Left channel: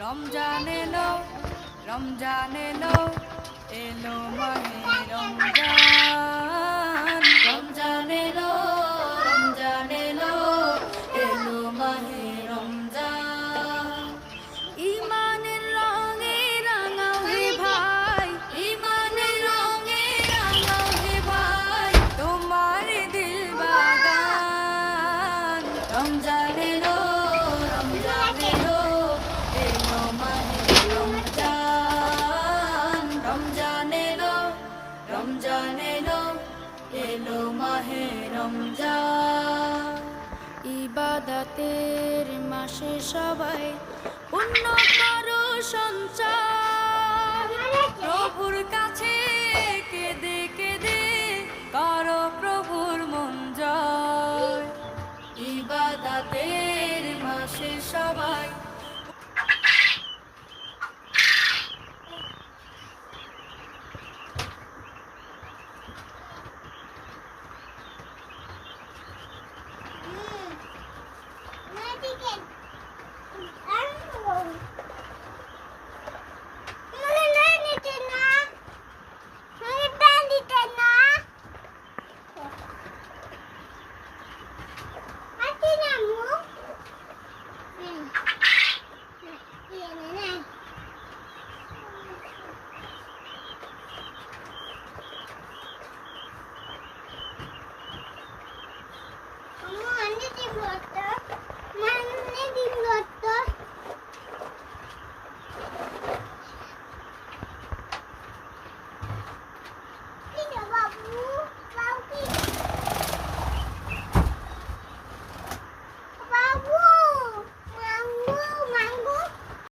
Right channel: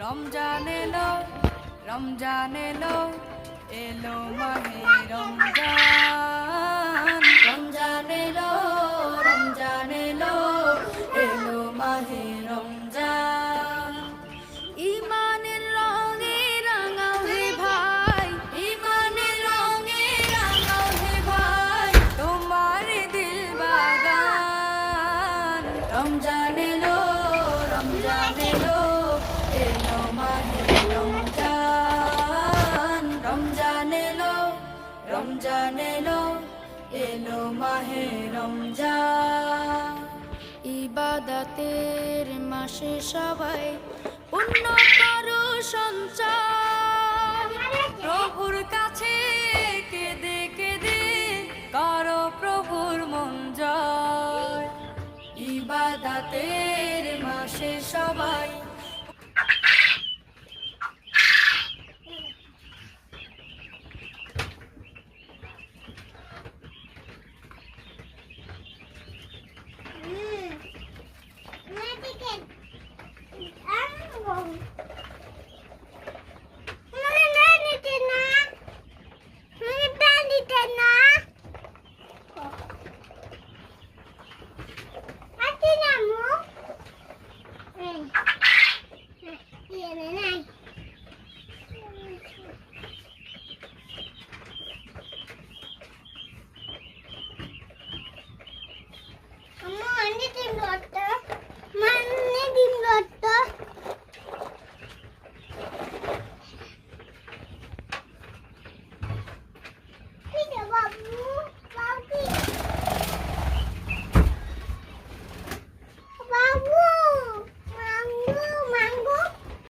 রমজান এলো, রমজান এলো, এলো মাহে রমজান। রমজান এলো, রমজান এলো, এলো মাহে রমজান। ইমানের রঙে রাঙাও হে ভাই, ইমানের রঙে রাঙাও হে ভাই, তোমার দিল বাগান। রমজান এলো, রমজান এলো, এলো মাহে রমজান। রমজান এলো, রমজান এলো, এলো মাহে রমজান। ইবাদতের মাসে সবাই পুণ্য করো সঞ্চয়, প্রভুর কাছে কেঁদে কেঁদে করো প্রভুর মন জয়। ইবাদতের মাসে সবাই I don't know.